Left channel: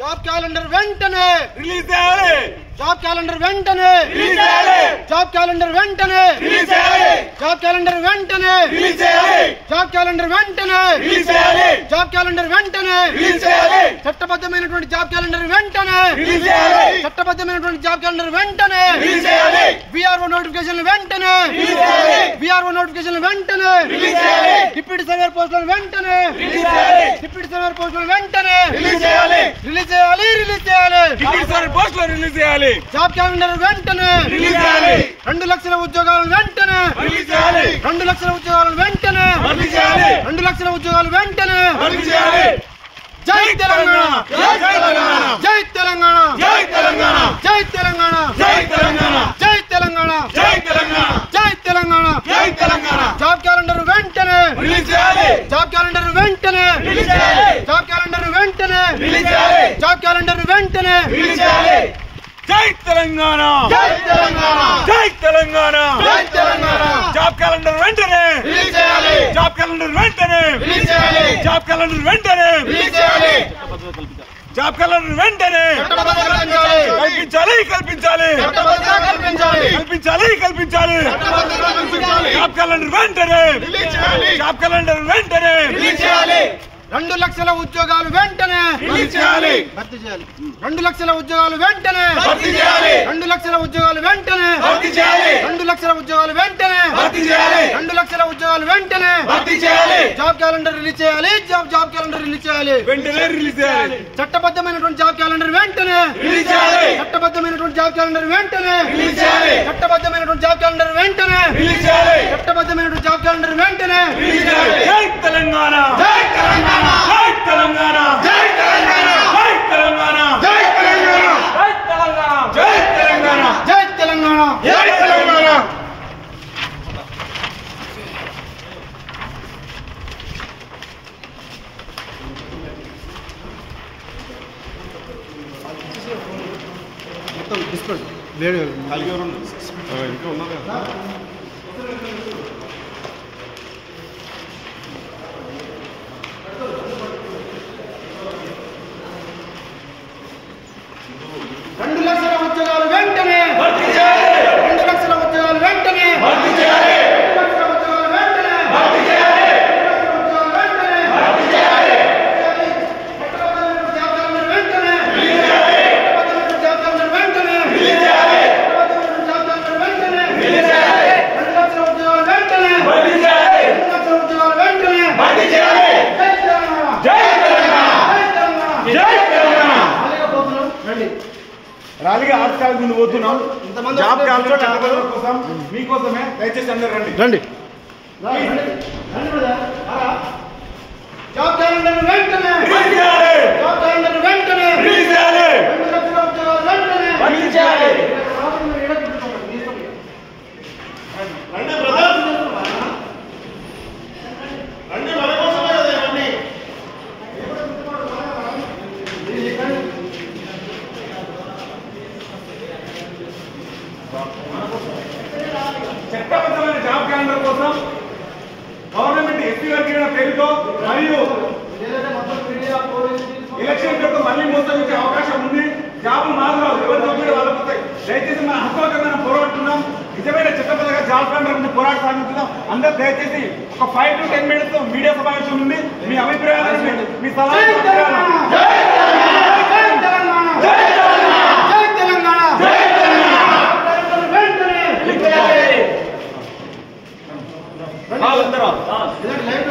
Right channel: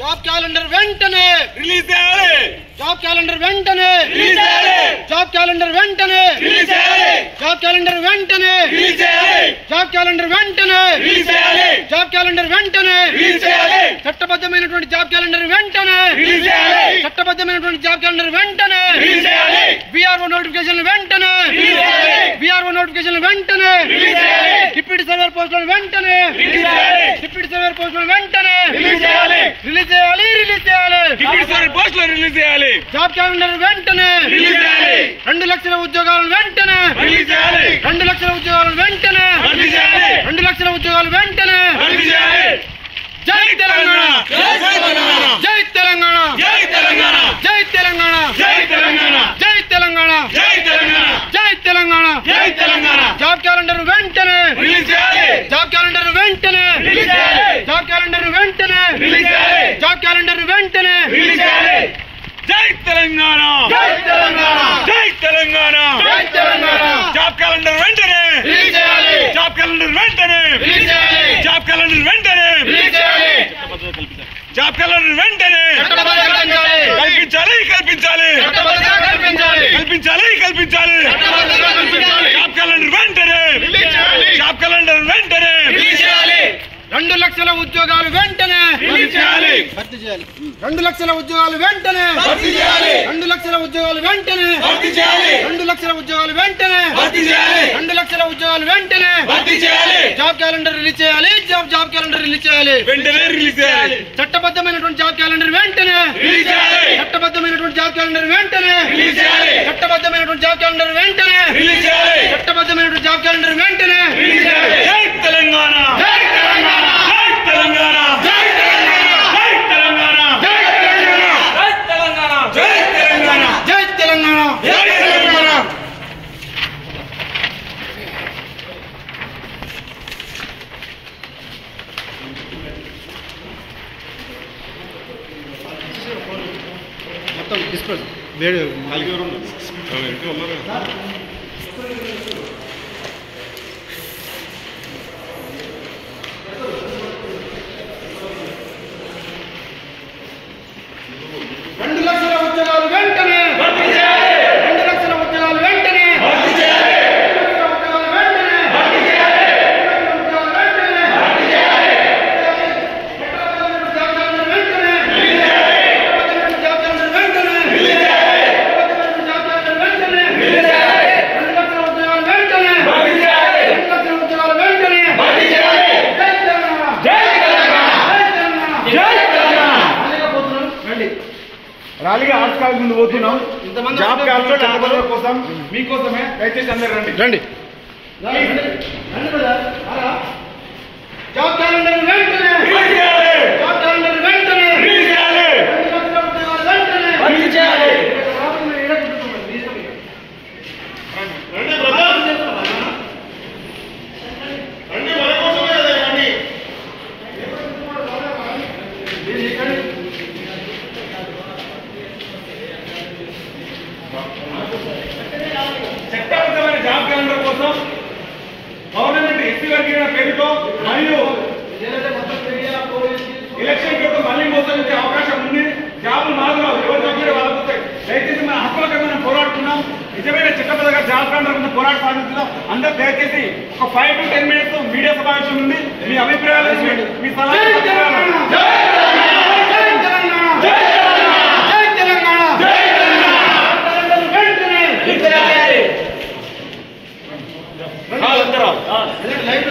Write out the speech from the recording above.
Job calendar వెంటనే release చేయాలి. Job calendar వెంటనే రిలీజ్ చేయాలి. జాబ్ క్యాలెండర్ వెంటనే రిలీజ్ చేయాలి. జాబ్ క్యాలెండర్ వెంటనే రిలీజ్ చేయాలి. జాబ్ క్యాలెండర్ వెంటనే రిలీజ్ చేయాలి. జాబ్ క్యాలెండర్ వెంటనే రిలీజ్ చేయాలి. చట్టబద్ధమైనటువంటి జాబ్ క్యాలెండర్ వెంటనే రిలీజ్ చేయాలి. చట్టబద్ధమైనటువంటి జాబ్ క్యాలెండర్ వెంటనే రిలీజ్ చేయాలి. విఆర్ఓ నోటిఫికేషన్ వెంటనే రిలీజ్ చేయాలి. విఆర్ఓ నోటిఫికేషన్ వెంటనే రిలీజ్ చేయాలి. డిప్యూటీ సర్వేర్ పోస్టులను వెంటనే రిలీజ్ చేయాలి. డిప్యూటీ సర్వేర్ పోస్టులను వెంటనే రిలీజ్ చేయాలి. రిలీజ్ చేయాలి. రిలీజ్ చేయాలి. డిప్యూటీ సర్వేర్ పోస్టులు రిలీజ్ చేయాలి. జాబ్ క్యాలెండర్ వెంటనే రిలీజ్ చేయాలి. 2 లక్షల ఉద్యోగాలను వెంటనే రిలీజ్ చేయాలి. 2 లక్షల ఉద్యోగాలను వెంటనే రిలీజ్ చేయాలి. 2 లక్షల ఉద్యోగాలు వెంటనే రిలీజ్ చేయాలి. జై తెలంగాణ. జై తెలంగాణ. జై తెలంగాణ. జై తెలంగాణ. జై తెలంగాణ. జై తెలంగాణ. జై తెలంగాణ. జై తెలంగాణ. జై తెలంగాణ. జై తెలంగాణ. జాబ్ క్యాలెండర్ వెంటనే రిలీజ్ చేయాలి. జాబ్ క్యాలెండర్ వెంటనే రిలీజ్ చేయాలి. జాబ్ క్యాలెండర్ వెంటనే రిలీజ్ చేయాలి. జాబ్ క్యాలెండర్ వెంటనే రిలీజ్ చేయాలి. జై తెలంగాణ. జై తెలంగాణ. జై తెలంగాణ. జై తెలంగాణ. జాబ్ క్యాలెండర్ వెంటనే రిలీజ్ చేయాలి. జాబ్ క్యాలెండర్ వెంటనే రిలీజ్ చేయాలి. జాబ్ క్యాలెండర్ వెంటనే రిలీజ్ చేయాలి. జాబ్ క్యాలెండర్ వెంటనే చట్టబద్ధంగా కల్పించాలి. కల్పించాలి. చట్టబద్ధంగా కల్పించాలి. కల్పించాలి. కల్పించాలి. చట్టబద్ధంగా కల్పించాలి. జాబ్ క్యాలెండర్ వెంటనే రిలీజ్ చేయాలి. జాబ్ క్యాలెండర్ వెంటనే రిలీజ్ చేయాలి. 2 లక్షల ఉద్యోగాలు వెంటనే రిలీజ్ చేయాలి. భర్తీ చేయాలి. 2 లక్షల ఉద్యోగాలు వెంటనే భర్తీ చేయాలి. 2 లక్షల ఉద్యోగాలు వెంటనే భర్తీ చేయాలి. 2 లక్షల ఉద్యోగాలు వెంటనే భర్తీ చేయాలి. 2 లక్షల ఉద్యోగాలు వెంటనే భర్తీ చేయాలి. జాబ్ క్యాలెండర్ రిలీజ్ చేయాలి. జాబ్ క్యాలెండర్ రిలీజ్ చేయాలి. వెంటనే రిలీజ్ చేయాలి. చట్టబద్ధమైనటువంటి జాబ్ క్యాలెండర్ వెంటనే రిలీజ్ చేయాలి. చట్టబద్ధమైనటువంటి జాబ్ క్యాలెండర్ వెంటనే రిలీజ్ చేయాలి. చట్టబద్ధమైనటువంటి జాబ్ క్యాలెండర్ వెంటనే రిలీజ్ చేయాలి. చట్టబద్ధమైనటువంటి జాబ్ క్యాలెండర్ వెంటనే రిలీజ్ చేయాలి. జై తెలంగాణ. జై తెలంగాణ. జై తెలంగాణ. జై తెలంగాణ. జై తెలంగాణ. జై తెలంగాణ. జై తెలంగాణ. జై తెలంగాణ. జై తెలంగాణ. జై తెలంగాణ. మొత్తం డిస్ప్లే వేడు రెండు లక్షల ఉద్యోగాలు వెంటనే భర్తీ చేయాలి. 2 లక్షల ఉద్యోగాలు వెంటనే భర్తీ చేయాలి. 2 లక్షల ఉద్యోగాలు వెంటనే భర్తీ చేయాలి. 2 లక్షల ఉద్యోగాలు వెంటనే భర్తీ చేయాలి. చట్టబద్ధమైనటువంటి జాబ్ క్యాలెండర్ వెంటనే రిలీజ్ చేయాలి. చట్టబద్ధమైనటువంటి జాబ్ క్యాలెండర్ వెంటనే రిలీజ్ చేయాలి. చట్టబద్ధమైనటువంటి జాబ్ క్యాలెండర్ వెంటనే రిలీజ్ చేయాలి. 2 లక్షల ఉద్యోగాలు వెంటనే భర్తీ చేయాలి. 2 లక్షల ఉద్యోగాలు వెంటనే భర్తీ చేయాలి. జై తెలంగాణ. జై తెలంగాణ. జై తెలంగాణ. జై తెలంగాణ. ఖాళీగా పోతున్నాం. రండి. ర్యాలీగా ఆర్టికల్ ముందు పోతున్నాం. ఇంతమంది జాబ్ క్యాలెండర్ చట్టబద్ధత కోసం మీకోసమే దయచేసి అందరు రండి. రండి. రండి బ్రదర్. జాబ్ క్యాలెండర్ వెంటనే రిలీజ్ చేయాలి. జాబ్ క్యాలెండర్ వెంటనే రిలీజ్ చేయాలి. 2 లక్షల ఉద్యోగాలు వెంటనే రిలీజ్ చేయాలి. రండి బ్రదర్. రండి మన కోసమే కదా రండి. చట్టబద్ధమైన జాబ్ క్యాలెండర్ కోసం గవర్నమెంట్ ఎస్టీ వర్గీకరణ పేరుతో మరియు ఎలక్షన్ పేరుతో మళ్ళీ మోసగించే అవకాశం ఉంది. జాబులు మాత్రం ఎవరు తగ్గితే వాళ్ళకు వస్తాయి. దయచేసి మన హక్కులకి మనం పోరాడుతున్నాం. నిజమైన చట్టబద్ధంగా జాబ్ క్యాలెండర్ గురించి పోరాట సాగిస్తున్నాం. అందరూ దయచేసి ఒక 5 to 10 minutes మీడియా సమావేశం ఉంది. మీ అభిప్రాయాలు మీ సలహాలు లైవ్